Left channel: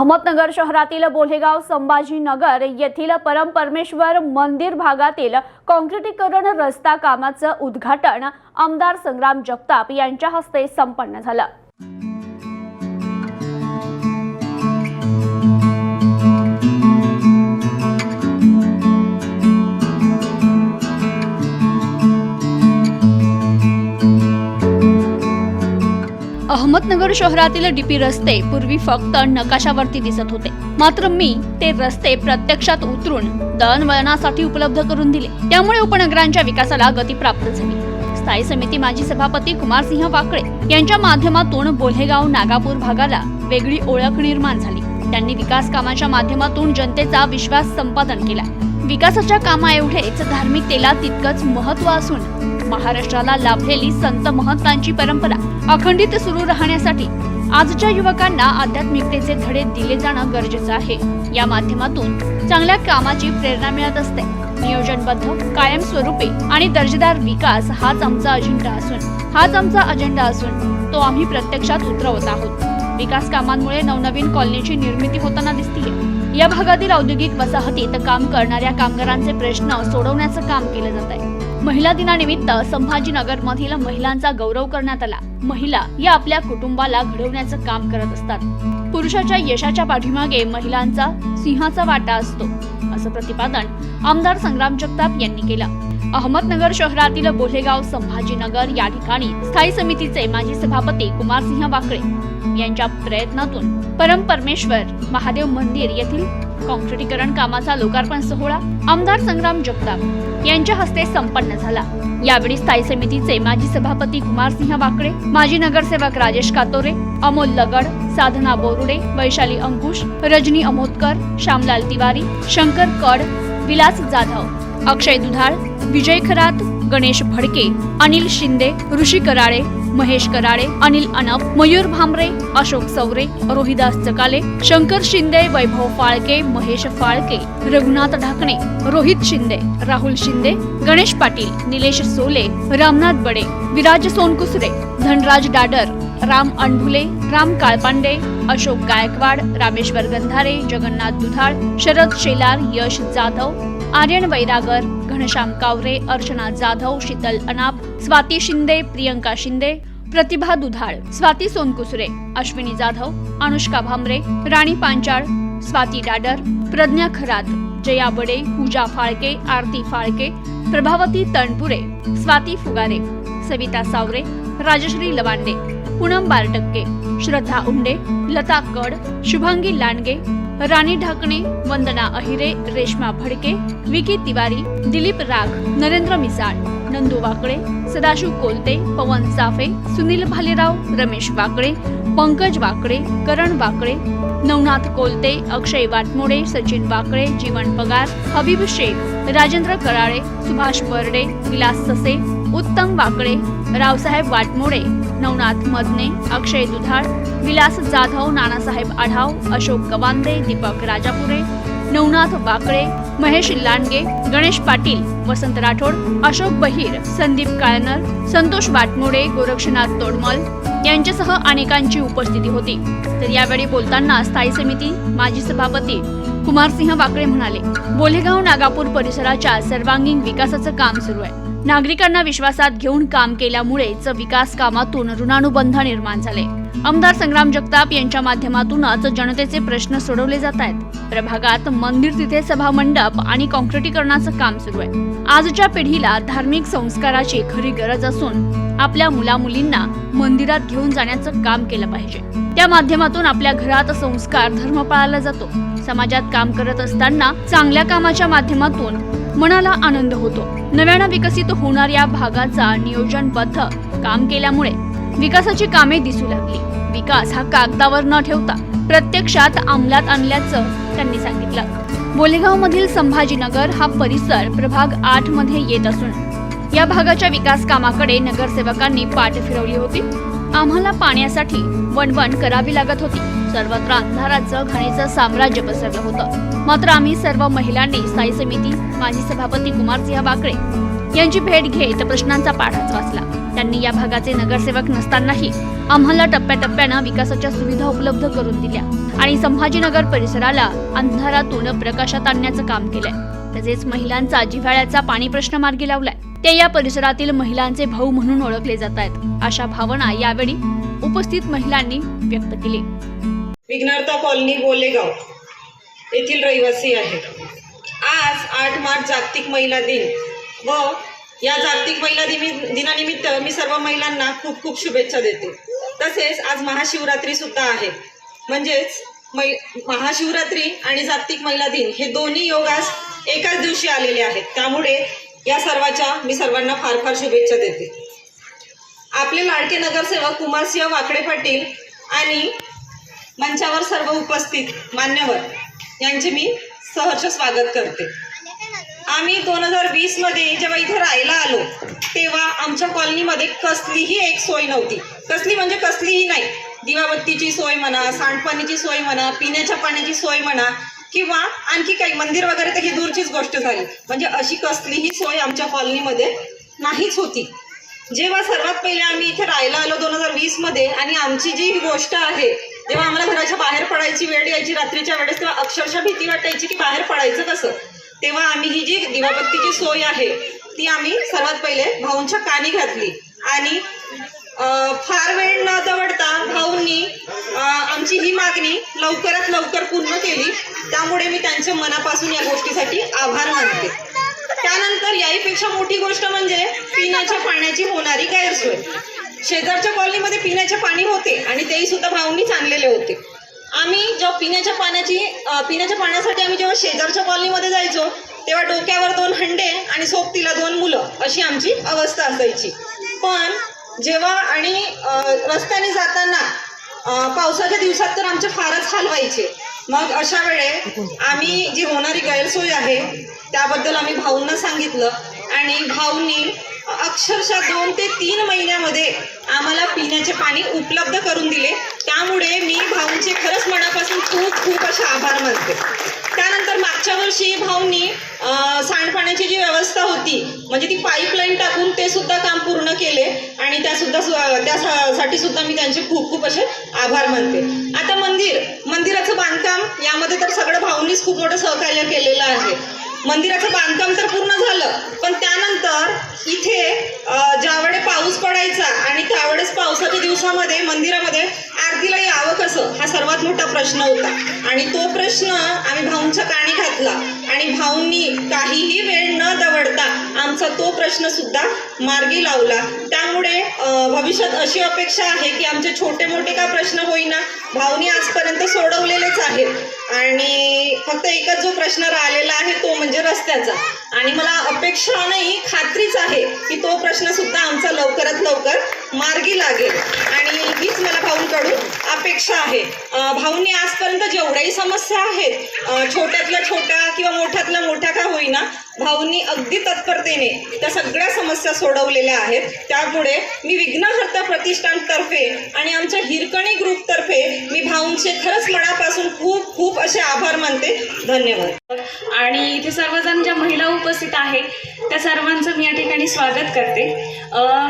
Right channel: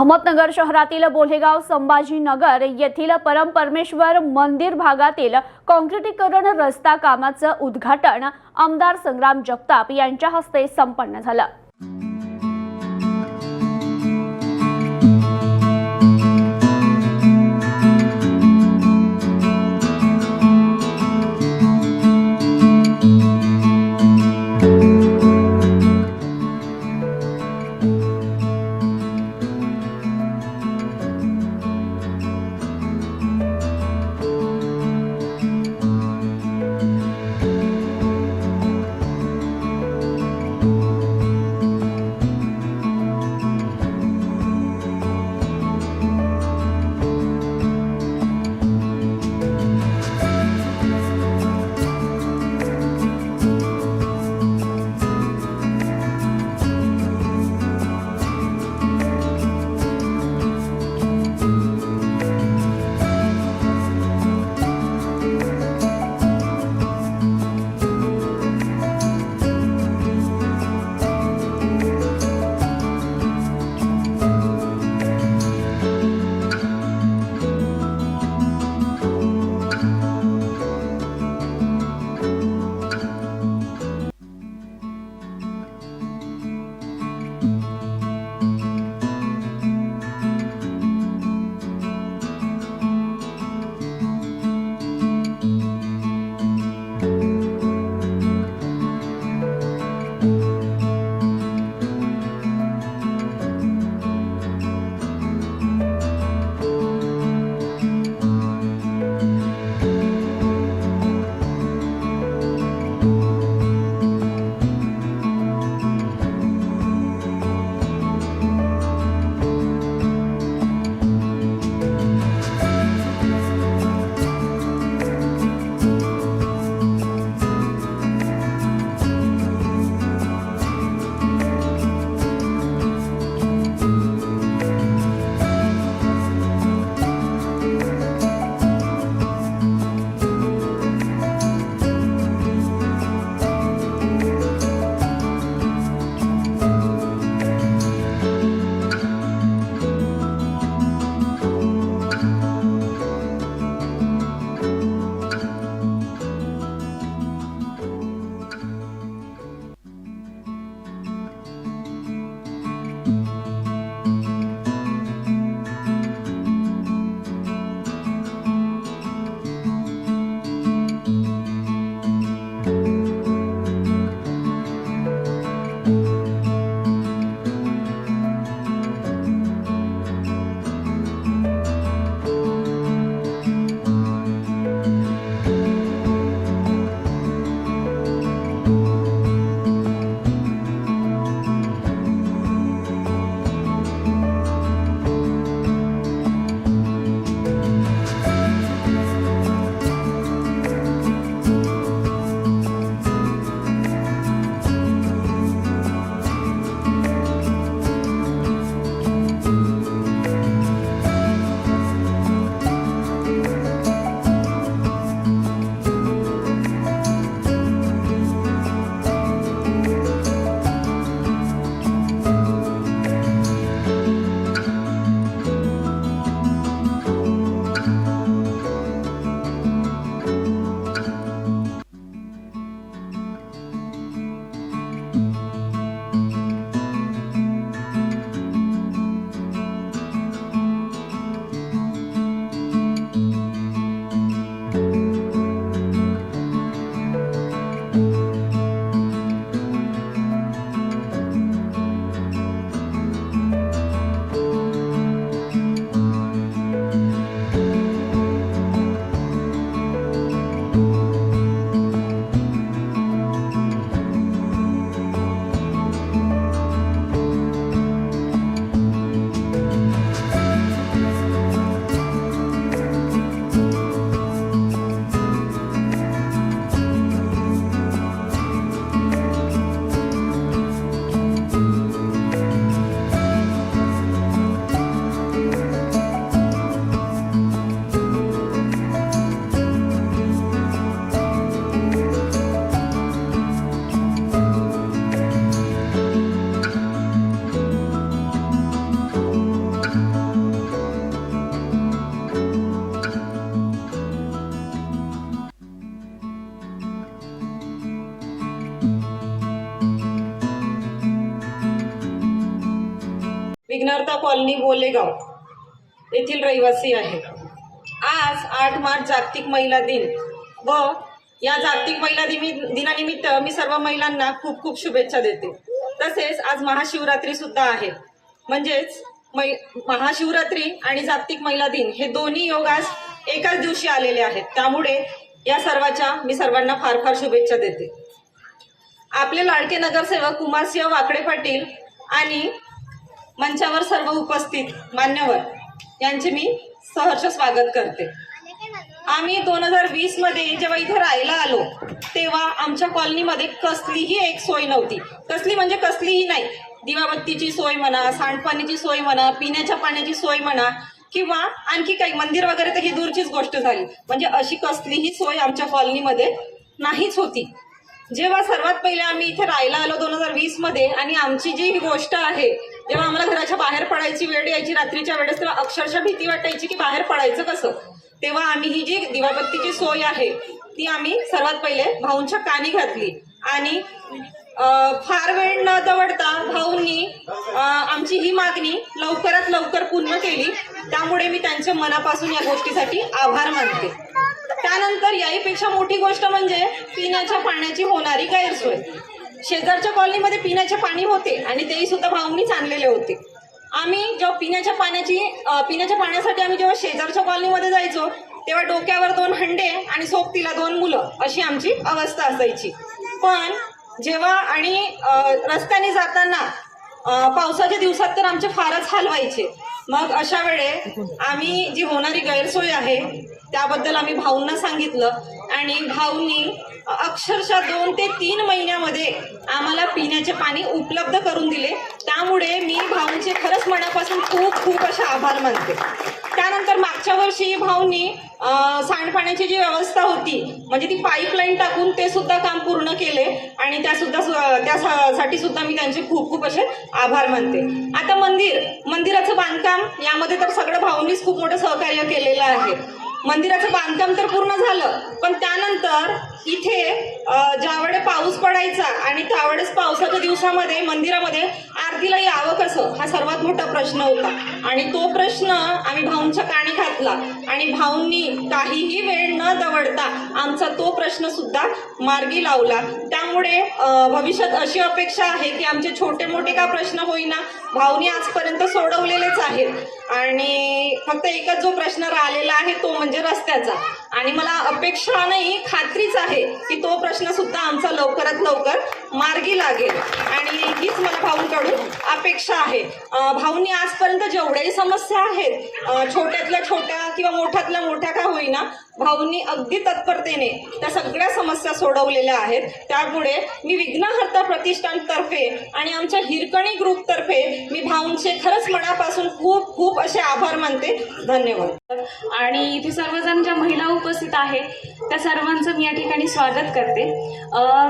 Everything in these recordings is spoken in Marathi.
अहमदनगर शहरातील बोलेगाव संभाजीनगर येथील परमपरमेश्वर मंदिर भागातील काँक्रिटीकरण रस्ता कामाचं उद्घाटन आमदार संग्राम जगताप यांच्या हस्ते संपन्न झालं. अहमदनगर शहरातील डीपी रस्ते पूर्वी फक्त नकाशावरती दिसत होते. मात्र मी ते रस्ते प्रत्यक्षात उतरून दळणवळणासाठी उपलब्ध करून दिले. त्यामुळे उपनगरांच्या विकासाला गती प्राप्त झाली. स्थायी समिती माजी सभापती कुमारसिंह वाकळे यांच्या माध्यमातून बोल्हेगाव नागापूर भागाला वेगळी ओळख निर्माण झाली. त्यांनी विकास कामाच्या माध्यमातून जनतेचा विश्वास संपादन केला. विकासाच्या कामाएवढेच धार्मिकतेला तितकंच महत्त्व असून महाराष्ट्राला लाभलेली संत महंतांची परंपरा अखंडित सुरू राहण्यासाठी आजच्या युवकांना आध्यात्मिकतेचे धडे दिले जाणं गरजेचं आहे. या माध्यमातून चांगल्या कामाची प्रेरणा मिळत असते. नियोजनबद्ध कायमस्वरूपी आणि दर्जेदार विकास हाच आमचा अजेंडा असून हाच आमचा अजेंडा असून तो आम्ही प्रत्यक्षात उतरवत आहोत. विकास कामांमुळे नवनवीन कॉलनीची निर्मिती होताना दिसते या भागातील औद्योगिक वसाहतीत काम करणाऱ्या कामगारांचे प्रश्न सोडवण्याचं काम केलं जात आहे. महिला दिनानिमित्त संभाजीनगर मधील महिलांचा गौरव करण्यात आला. महिला या आपल्या कुटुंबाला घडवण्याचं काम करत असतात. पुरुषाच्या यशाच्या पाठीमागे महिलांचा सिंहाचा वाटा असतो असं प्रतिपादन आमदार संग्राम जगताप यांनी केलं. अहमदनगर शहरातील बोलेगाव संभाजीनगर या ठिकाणी स्थायी समितीचे माजी सभापती कुमारसिंह वाकळे यांच्या प्रयत्नातून परम परमेश्वर महादेव मंदिर येथील कॉन्क्रिटीकरण कामाचा लोकार्पण सोहळा आमदार संग्राम जगताप यांच्या हस्ते संपन्न झाला. यावेळी स्थायी समितीचे माजी सभापती कुमारसिंह वाकडे माजी नगरसेवक राजेश कातोरे अमोल लगड साधना बोरुडे वैशाली अंकुश रजनी अमोदकर श्यामलाल तिवारी शंकर कड विलास जाधव अक्षय दुधाळ विजय खरात गणेश भडके अनिल शिंदे ऋषी कराळे महेश कराळे अनिल अनप मयूर भांबरे अशोक सवरे रोहिदास चकाले शंकर शिंदे वैभव फाळके महेश फाळके रघुनाथ ढाकणे रोहित शिंदे राहुल शिंदे गणेश पाटील निलेश सोले रामनाथ बडे विराज सोनकुसरे धनराज डाडर राम अंडुले राम काळपांडे अशोक गायकवाड रामेश्वर गंधारे जगन्नाथ दुधाळ शरद शेलार यश जाधव आर्यन वैरागर घनश्याम कावरे अर्चना जाधव शीतल अनाप स्वाती शिंदे प्रियंका शिंदे प्रतिभा दुधाळ स्वाती सोनकुसरे अश्विनी जाधव अनुष्का भामरे राणी पांचाळ स्वाती डाडर प्रज्ञा खरात जया बडे पूजा फाळके आरती फाळके प्रभावती तणपुरे स्वाती फुगारे सविता सावरे राजश्री लवांडे पूनम बारटक्के श्रद्धा उंडे लता कड शुभांगी लांडगे राणी ढाकणे वंदना अहिरे रेश्मा भडके विकी तिवारी दिलीप राग नरेंद्र मिसाळ. नंदू वाकळे सदाशिव कोलते पवन साफे सुनील भालेराव रमेश वाकळे पंकज वाकळे करण वाकळे नवनाथ कोलते अक्षय वाटमोडे सचिन वाकळे जीवन पगार हबीब शेख राजेंद्र कराळे सुभाष बर्डे विलास ससे उत्तम वाकळे रावसाहेब वाटमोडे नवनाथ मदने अक्षय दुधाळ विलास जाधव नानासाहेब आढाव अशोक गवांदे दीपक राजापुरे नवनाथ वाकळे महेश लांडगे गणेश पाटील वसंत राठोड अशोक बहीर संदीप काळनर संतोष बाटमोडे गोरक्षनाथ तोडमल यांच्यासह अनेकांची उपस्थिती होती. तर यावेळी बोलताना स्थायी समिती माजी सभापती कुमारसिंह वाकळे म्हणाले बोलेगाव नागापूर परिसराच्या सर्वांगीण विकासाचं काम सुरू आहे. नागरिकांना विश्वासात घेऊन काम केल्यामुळेच विकास कामातून ऋणानुबंध निर्माण झाले. आमदार संग्राम जगताप यांच्या माध्यमातूनच जनतेचे प्रश्न सोडवले जात आहेत प्रभागात मंदिर तिथे सभा मंडप आणि काँक्रिटीकरणाचं काम सुरू आहे. आजच्या पिढीला धार्मिक संस्काराची खरी गरज असून आपल्या मुलामुलींना मंदिरात घेऊन जाण्याचं काम केलं पाहिजे. त्या माध्यमातून आपल्या घरात संस्कार धर्म पाळला जातो. समाजात काम करत असताना चांगल्या कामाच्या माध्यमातून मनाला आनंद होतो. नव्यानं विकसित होणाऱ्या भागाचा नियोजनबद्ध काम केल्यामुळे विकासाची कामे दिसू लागली. विकास हा कागदावर न ठेवता प्रत्यक्षात अंमलात आणल्याचं त्यांनी सांगितलं. बोलेगाव मधील संभाजीनगर हा परिसर प्रभाग आठमध्ये येत असून या भागाच्या विकास कामाकडे नगरसेवकांनी पाठ फिरवली होती. आम्हाला पाण्यासाठी वणवण करावी लागत होती. सर्वत्र अंधाराचं घाणीचं साम्राज्य पसरलं होतं. मात्र आम्ही सर्व महिलांनी स्थायी समिती माजी सभापती कुमारसिंह वाकळे यांची भेट घेत प्रश्नांचा पाठाच वाचला. त्यांनी या भागाचे नगरसेवक नसतानाही आम्हाला टप्प्याटप्प्यानं विकासाच्या सुविधा उपलब्ध करून दिल्या आणि संभाजीनगर परिसराला अंधारातून प्रकाशात आणण्याचं काम केलंय. तसेच महिलांचा जिव्हाळ्याचा पाणी प्रश्न मार्गी लावलाय. ते या परिसरातील महिलांचे भाऊ म्हणून ओळखले जात आहेत. अशा भावना यावेळी उपस्थित महिलांनी व्यक्त केली. विघ्नार्था कॉलनी गोलेगाव. येथील रहिवासी आहेत. आज आठ मार्च जागतिक महिला दिन व या जागतिक महिला दिनी दिनानिमित्त मी सर्व महिलांना खूप खूप शुभेच्छा देते. तसेच आज महाशिवरात्री सुद्धा आहे. म्हणजेच मै महाशिवरात्री आणि जागतिक महिला दिन हे दोन्ही योग आज एकाच दिवशी आलेले आहेत. त्यामुळे या सर्वाच्या मी सर्वांना फार फार शुभेच्छा देते. आपले लाडके नगरसेवक कुमारसिंह वाकडे पाटील आणि मंचावर सर्व उपस्थित मान्यवर यांचे मी सहर्ष स्वागत करते. आम्ही दोन हजार वीसमध्ये जेव्हा इथे राहायला आलो तेव्हा आमच्या कॉलनीमध्ये कसलीही एक सोय नव्हती. कसली म्हणजे कसलीही नाही. दिवाबत्तीची सोय म्हणा सांडपाणीची सोय म्हणा पिण्याच्या पाण्याची सोय म्हणा किंवा आणखी काही मंदिर वगैरे तर ही दूरचीच गोष्ट झाली. म्हणजे अशी कसलीही सोय आमच्या कॉलनीमध्ये नाहीच होती. जेव्हा सर्वात पहिले आम्ही इथे राहायला आलो दोन हजार वीसमध्ये आणि आमची जी ही गोष्ट आहे जेव्हा आम्हाला घराच्या बाहेर पडायची वेळ यायची रात्रीच्या वेळेस तेव्हा अक्षरशः भीती वाटायची की बाहेर पडायचं कसं? तेव्हा आम्ही ही जी दिवाबत्तीची सोय आहे ती आम्ही सर्वात पहिले भाऊंच्या कानी घातली. आणि फार वेळ न दवडता भाऊंनी आमची ही मागणी लवकरात लवकर पूर्ण केली. त्यामुळे मी त्यांच्या मनापासून या गोष्टीसाठी आभार मानते. त्यानंतर याहीपेक्षा मोठी गोष्ट म्हणजे पिण्याच्या पाण्याची होणारी गैरसोय. शेजारच्या कॉलनीमध्ये पिण्याचे पाणी होते आणि तेही सुद्धा भाऊंनीच आणलेले होते. आम्ही जेव्हा पिण्याच्या पाण्याची पिण्याच्या पाण्यासाठी आम्ही जेव्हा शेजारच्या कॉलनीमध्ये जायचो तेव्हा डोक्यावर दोन हंडे आणि सोबतीला दोन मुलं अशी आमची अवस्था असायची. पण जेव्हा आणि रस्त्याने जाताना पावसाच्या दिवसात तर आमचे फारच हाल व्हायचे. मग अशा वेळे आम्ही जी होणारी गैरसोय आहे त्याबद्दल आम्ही भाऊंना सांगितलं. आणि भाऊंनी अक्षरशः दोन ते तीन महिन्यामध्ये आम्हाला पिण्याचे पाणी उपलब्ध करून दिले. त्यामुळे मी भाऊंचे खरंच मनापासून खूप खूप असे आभार मानते. त्यानंतर मागच्या वर्षी भाऊंनी सांडपाण्याची जी व्यवस्था होती म्हणजे ती पाईपलाईन टाकून ते सुद्धा काम पूर्ण केले आणि त्या सुद्धा त्यासाठी सुद्धा मी त्यांचे खूप खूप असे आभार मानते. आता मंदिर मंदिराचं बांधकाम यामध्ये तर सगळं भाऊंनीच खूप मोठं सहकार्य केलेलं आहे. मंदिराचं बांधकाम तर पूर्ण झालं. पण त्यानंतर इथे ज्यावेळे ज्यावेळेस पाऊस पडायचा आणि त्यावेळेस पावसाच्या दिवसामध्ये मंदिरामध्ये आरतीला यावं कसं? हा सर्वात मोठा प्रश्न होता. आणि तो प्रश्न आम्ही भाऊंच्या काणी घातला. आणि भाऊंनी काहीही वेळ न दवडता आमचा तो प्रश्न सुद्धा मार्गी लावला. त्यामुळे भविष्यात अशी अपेक्षा आहे की आमचे छोटे मोठे का प्रश्न होईना भाऊनी आजपर्यंत सोडवलेलेच आहेत. आणि फक्त एकच जो प्रश्न राहिलेला आहे तो म्हणजे रस्त्याचा. आणि मला अपेक्षा नाही खात्रीच आहे की तो प्रश्न सुद्धा आमचा लवकरात लवकर मार्गी लागेल. आणि हीच मला भाऊंकडून अपेक्षा आहे. भाऊंनी आजपर्यंत जेवढ्याही समस्या आहेत छोट्यातल्या छोट्या किंवा मोठ्यातल्या मोठ्या का होईना भाऊंनी अगदी तत्परतेने त्या सगळ्या समस्या सोडवलेल्या आहेत. त्यामुळे मी विघ्नहर्ता प्रतिष्ठानतर्फे आणि आमच्या हिरकणी ग्रुपतर्फे मी भाऊंचे खरंच मनापासून खूप खूप असे आभार मानते. धन्यवाद. आणि इथे सर्वजण ज्या महिला उपस्थित आहे त्या सर्वांचं मी या ठिकाणी स्वागत करते.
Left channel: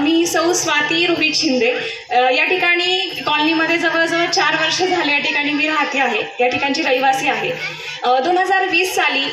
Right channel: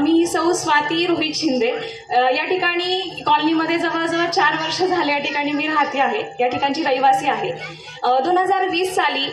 मी सौ स्वाती रोहित शिंदे. या ठिकाणी कॉलनीमध्ये जवळजवळ चार वर्ष झाले या ठिकाणी मी राहते आहे. या ठिकाणची रहिवासी आहे. दोन हजार वीस साली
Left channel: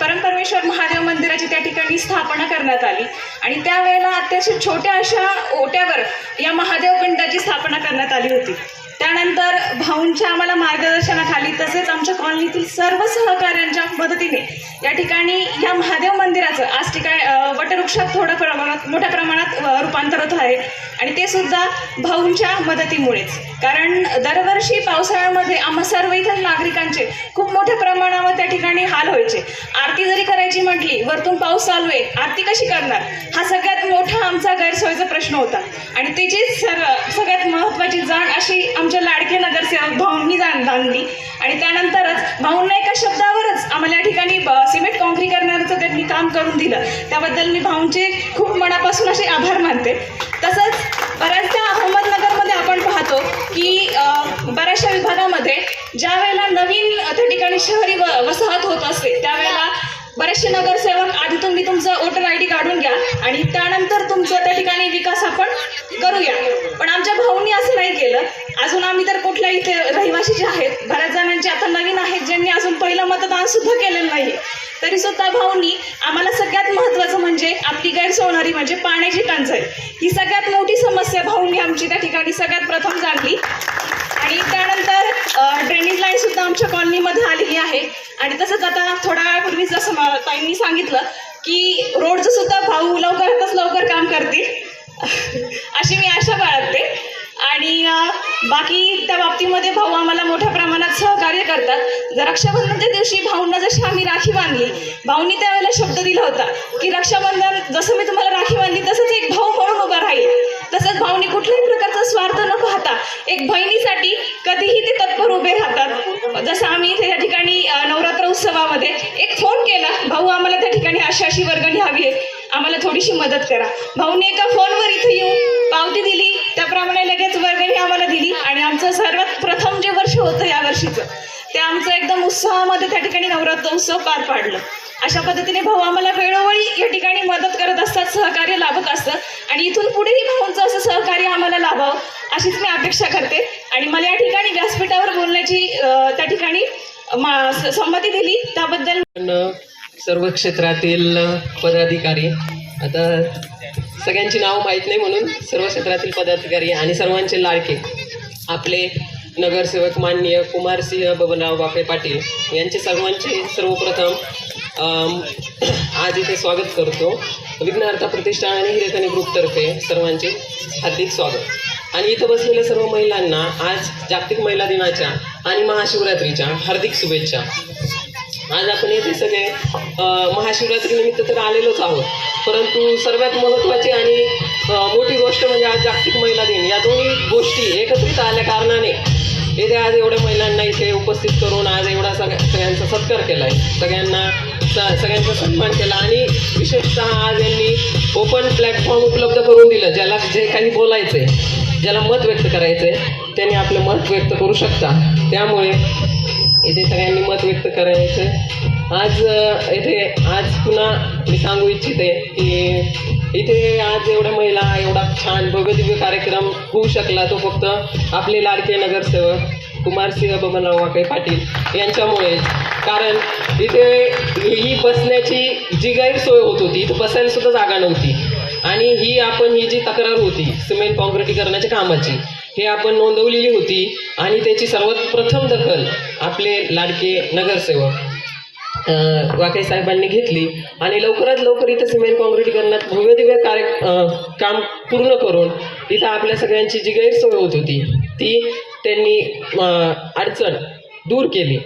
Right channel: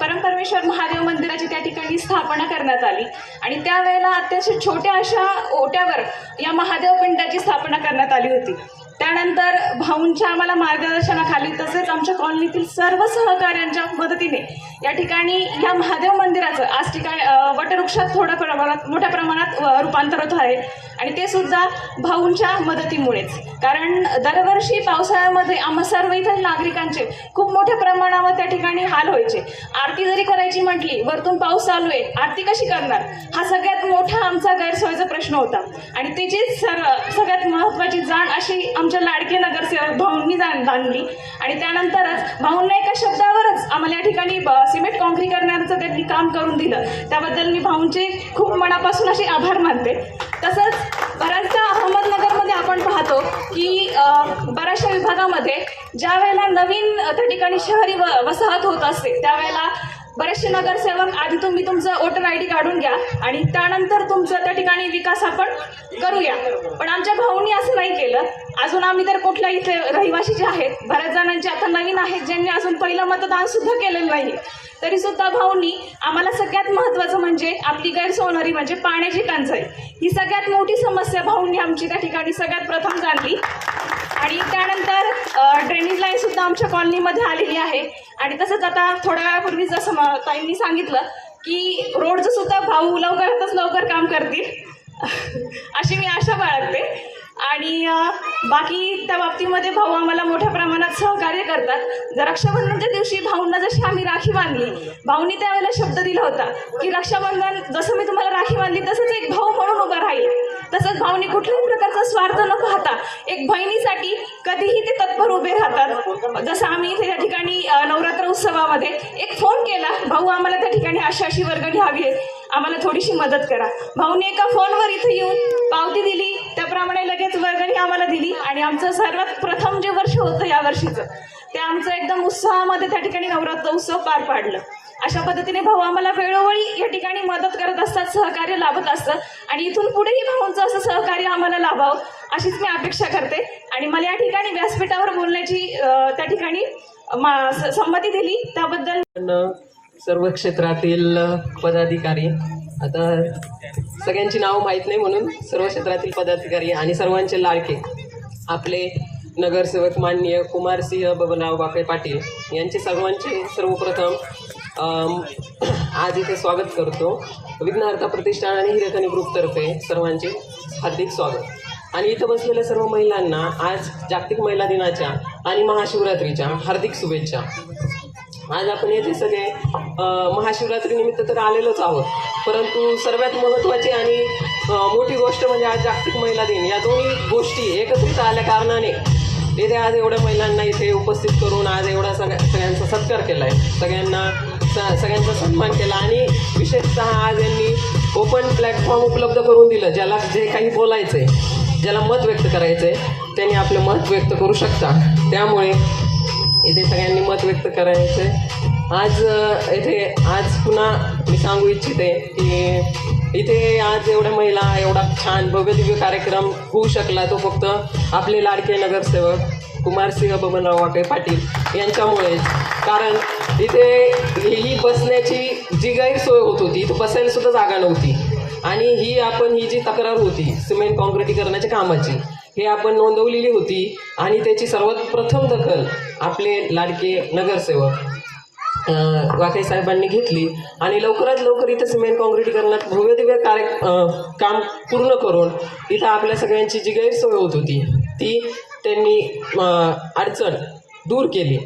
परमपरमेश्वर महादेव मंदिराची त्या ठिकाणी स्थापना करण्यात आली. आणि त्यावेळेला अत्यंत छोट्या अशा ओट्यावर या महादेव पिंडाची स्थापना करण्यात आली होती. त्यानंतर भाऊंच्या आम्हाला मार्गदर्शनाखाली तसेच आमच्या कॉलनीतील सर्व सहकाऱ्यांच्या मदतीने या ठिकाणी या महादेव मंदिराचं आज ठिकाणी वटवृक्षात थोड्या प्रमाणात मोठ्या प्रमाणात रूपांतर होत आहे. आणि ते सुद्धा भाऊंच्या मदतीमुळेच. कारण दरवर्षी पावसाळ्यामध्ये आम्हा सर्व इथं नागरिकांचे खूप मोठ्या प्रमाणावर त्या ठिकाणी हाल व्हायचे. आरती जरी करायची म्हटली वरतून पाऊस चालू आहे आरती कशी करणार? हा सगळ्यात मोठा आमचा गैरसोयीचा प्रश्न होता. आणि त्याची सर्व सगळ्यात महत्त्वाची जाण अशी आमच्या लाडके नगरसेवक भाऊंनी जाण बांधली. आणि त्यानंतरच भाऊंना एका शब्दावरच आम्हाला या ठिकाणी सिमेंट सिमेंट कॉन्क्रीकरणाचं त्यांनी काम करून दिलं. त्याबद्दल मी भाऊंचे खूप मनापासून असे आभार मानते. तसंच बऱ्याचदा अहमदनगरमध्ये आपण पाहतो की बऱ्याचशा विभागामध्ये ज्या वेळेला नवीन त्या ठिकाणी शहरी व वसाहत होत असते त्यावेळेला बरेचसे नगरसेवक आधी तुम्ही तुमचं वोटर आय डी काढून घ्या आणि त्यानंतर तुमचं त्या ठिकाणी विकास आपण करूया. पण आमच्या भाऊंनी असं नाही केलं. अजून आम्ही तर कुठल्या इथे रहिवासी जे आहेत बऱ्याच जणांचे आता नवीन आहेत ज्यांनी अजून पहिलं मतदान सुद्धा केलेलं नाही तरी सुद्धा भाऊंनी आम्हाला सगळ्यात महत्त्वाचं म्हणजे आपली गैरसोवणारी म्हणजे पाण्याची टंचाई. ही सगळ्यात मोठी समस्या भाऊंनी आमची त्या ठिकाणी सगळ्यात प्रथम जाणली आणि त्यानंतर अ, ड्रेनेज लाईन सुद्धा आमच्या कॉलनीमध्ये आलेली आहे आणि तसंच आता थोड्या वेळापूर्वी जसं ताईंनी सांगितलं की रोडचं सुद्धा भाऊ लवकरातच लवकर काम करतील. अशी मी आशा बाळगते. आणि बाकी त्या बाबतीमध्ये भाऊ आम्हाला मोठ्या प्रमाणात सहकार्य करतात. जर रक्षाबंधनच्या दिवशी भाऊंना जशी आम्ही राखी बांधली भाऊंनी त्यावेळेला शब्द दिला होता की रक्षाबंधन जसं मी तुम्हाला राखी बांधली तसंच एक भाऊ एक बहिणीसाठी कधीही ते तत्पर उभे राहतात. जसं आम्ही इथे त्या ठिकाणी नवरात्र उत्सवामध्ये एक फोन केला भाऊ आम्हाला त्या ठिकाणी अशी अशी वर्गणी हवी आहे. आम्हाला थोडीशी मदत करा. भाऊने एका फोनवर इथं येऊन पावती दिली. त्याप्रमाणे लगेच वर्गणी आम्हाला दिली आणि आमचं सर्वात प्रथम जे वर्ष होतं या वर्षीचं ते आमचं एकदम उत्साहामध्ये त्या ठिकाणी नवरात्र उत्सव पार पाडलं. अशा पद्धतीने भाऊ आम्हाला वेळोवेळी या ठिकाणी मदत करत असतात सहकार्य लाभत असतं आणि इथून पुढेही भाऊंचं असं सहकार्य आम्हाला लाभावं. अशीच मी अपेक्षा करते. आणि मला या ठिकाणी व्यासपीठावर बोलण्याची त्या ठिकाणी मा- संमती दिली. त्याबद्दल सर्व क्षेत्रातील पदाधिकारी आता सगळ्यांची नावं माहीत नाही म्हणून सर्व क्षेत्रातील पदाधिकारी आणि सर्वांचे लाडके आपले नगरसेवक माननीय कुमारसिंह बबनराव बापे पाटील यांचे सर्वांचे सर्वप्रथम आज इथे स्वागत करतो. विघ्नहर्ता प्रतिष्ठान आणि हिरेकणी ग्रुपतर्फे सर्वांचे हार्दिक स्वागत. आणि इथं बसलेल्या सर्व महिलांना आज जागतिक महिला दिनाच्या आणि महाशिवरात्रीच्या हार्दिक शुभेच्छा. आज आपण येथे सगळे महाशिवरात्रीनिमित्त तर आलेलोच आहोत परंतु सर्वात महत्त्वाची आणि मोठी गोष्ट म्हणजे आज जागतिक महिला दिन. या दोन्ही गोष्टी एकत्रित आल्या कारणाने येथे आज एवढ्या महिलांना इथे उपस्थित करून आज एवढा सगळ्या सगळ्यांचा सत्कार केला आहे सगळ्यांना स सगळ्यांचा सन्मान केला आणि विशेषतः आज यांनी ओपन प्लॅटफॉर्म उपलब्ध करून दिलं ज्याला जे काही बोलायचं आहे ज्याला मत व्यक्त करायचं आहे त्यांनी आपलं मत व्यक्त करू शकता. त्यामुळे इथे सगळ्यांनी मत व्यक्त करायचं आज इथे आज पुन्हा मी सांगू इच्छिते की इथे आज एवढ्या महिला एवढा छान भव्यदिव्य कार्यक्रम होऊ शकला. तो फक्त आपले लाडके नगरसेवक कुमारसिंह बबनराव वाके पाटील यांच्यामुळे. कारण इथे ही बसण्याची जी गैरसोय होत होती इथं बसायला सुद्धा जागा नव्हती. आणि ही आपण ही जी तक्रार होती सिमेंट काँक्रिटीकरणाच्या कामाची हे आपण नोंदवलेली होती आणि त्याची सर्वात प्रथम दखल आपले लाडके नगरसेवक वाकई साहेबांनी घेतली आणि लवकरात लवकर इथं सिमेंट काँक्रिटीकरणात भव्य दिव्य कार्य काम पूर्ण करून इथं आपल्या सगळ्यांची जी गैरसोय होत होती ती त्यांनी अडचण दूर केली.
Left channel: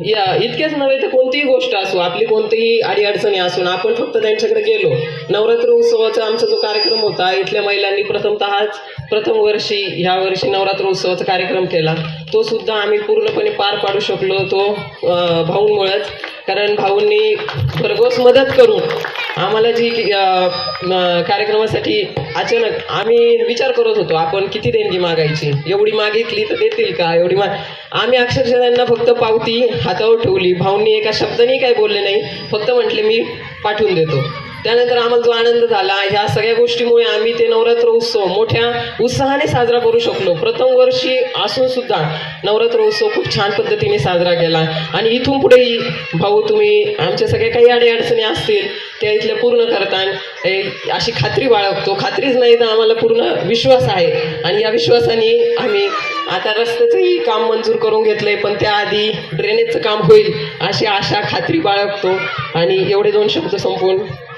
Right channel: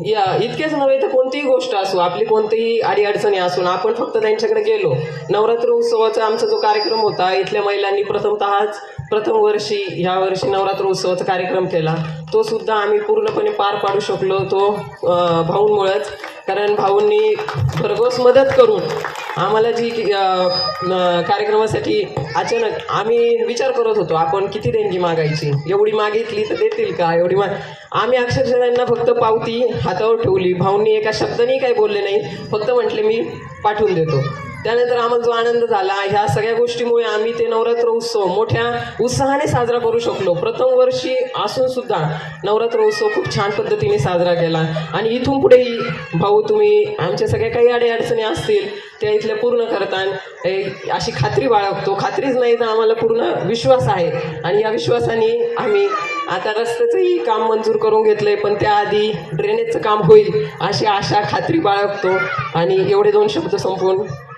या इतकेच नव्हे तर कोणतीही गोष्ट असो आपली कोणतीही अडीअडचणी असून आपण फक्त त्यांच्याकडे गेलो. नवरात्र उत्सवाचा आमचा जो कार्यक्रम होता इथल्या महिलांनी प्रथमतःच प्रथम वर्षी ह्या वर्षी नवरात्र उत्सवाचा कार्यक्रम केला. तो सुद्धा आम्ही पूर्णपणे पार पाडू शकलो तो भाऊंमुळेच. कारण भाऊंनी भरघोस मदत करून आम्हाला जी कार्यक्रमासाठी अचानक आम्ही विचार करत होतो आपण किती देणगी मागायची? एवढी मागितली तर देतील का? एवढी माग आम्ही अक्षरशः त्यांना फक्त पावती हातावर ठेवली. भाऊंनी एका शब्दाने काही बोलले नाही. फक्त म्हटले मी पाठवून देतो. त्यानंतर आम्हाला जो आनंद झाला ह्या सगळ्या गोष्टीमुळे आम्ही ते नवरात्र उत्सव मोठ्या उत्साहाने साजरा करू शकलो. प्रथम वर्षी असून सुद्धा नवरात्र उत्सव खूप छान पद्धतीने साजरा केला. आणि इथून पुढेही भाऊ तुम्ही आमच्या सगळ्या काही अडीअडचणी असतील त्या इथल्या पूर्ण करताना अशी खात्री बाळगतो. खात्रीच नाही तर आम्हाला पूर्ण विश्वास आहे. आणि या विश्वासाने आम्ही आता रस्त्याचंही काम मंजूर करून घेतलंय पण त्याआधी ड्रेनेजचं काम होईल अशी आशा खात्री बाळगतो. आणि एवढे दोन शब्द संपवून